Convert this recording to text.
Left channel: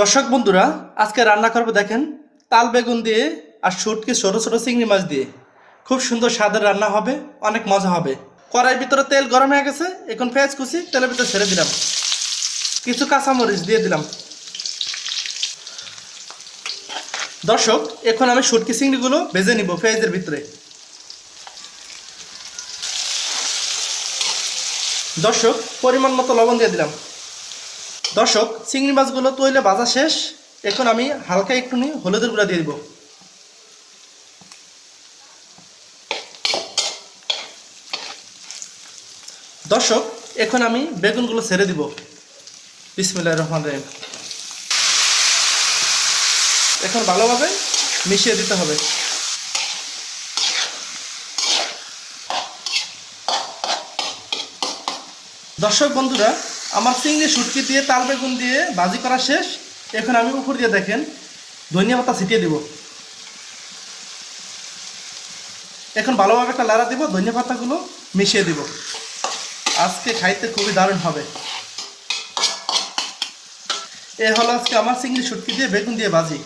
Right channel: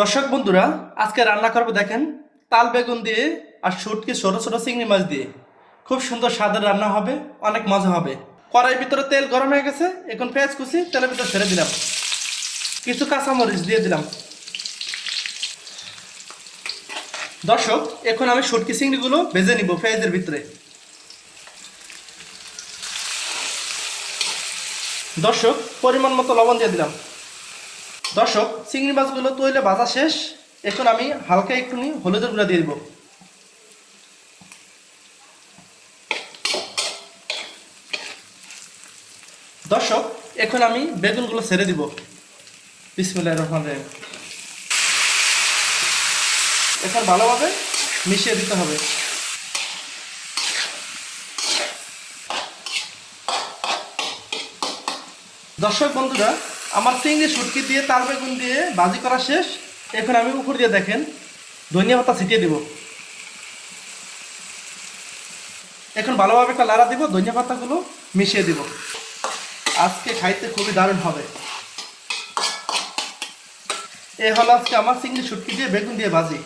দর্শক বন্ধুরা, আজকে রান্না করবো দেখেন তাল বেগুন দিয়ে আর শুটকি ছোট ছোট চিংড়ি মাছ দিয়ে। খুব সুন্দর স্বাদের রান্না হবে, অনেক মজা হবে। কড়াইয়ের ভিতরে তেল গরম হয়ে গেছে, এখন পেঁয়াজ কুচি তেলের ভিতরে ছেড়ে দিলাম, কিছু কাঁচামরিচ দিয়ে দিলাম। দর্শক, এখন আমি শুটকি চিংড়িগুলো ভেজে নিব পেঁয়াজের ভিতরে। দর্শক, পরিমাণ মতো লবণ দিয়ে দিলাম। দর্শক, চিংড়ি মাছগুলো তৈলে ভাজা শেষ, এখন আমি হালকা একটু হলুদের গুঁড়া দিয়ে দিব। দর্শক, এখন আমি বেগুনগুলো ছেড়ে দিব। বিসমিল্লাহির রহমানির রহিম। এখন ভালোভাবে মিশিয়ে দিতে হবে। দর্শক বন্ধুরা, আমার চিংড়ি শুটকি দিয়ে তাল বেগুন দিয়ে ভাজি করা শেষ। এখন আমি উপর দিয়ে দেখেন ধনিয়া পাতা ছিটিয়ে দিব। এখন ভালোভাবে একটা লাড়া দিব, ধনিয়া পাতাগুলো মিশিয়ে দিব। আজকে খাইতে খুবই দারুণ হবে। এ হলো আজকে আমার চিংড়ি শুটকি দিয়ে বেগুন দিয়ে ভাজি।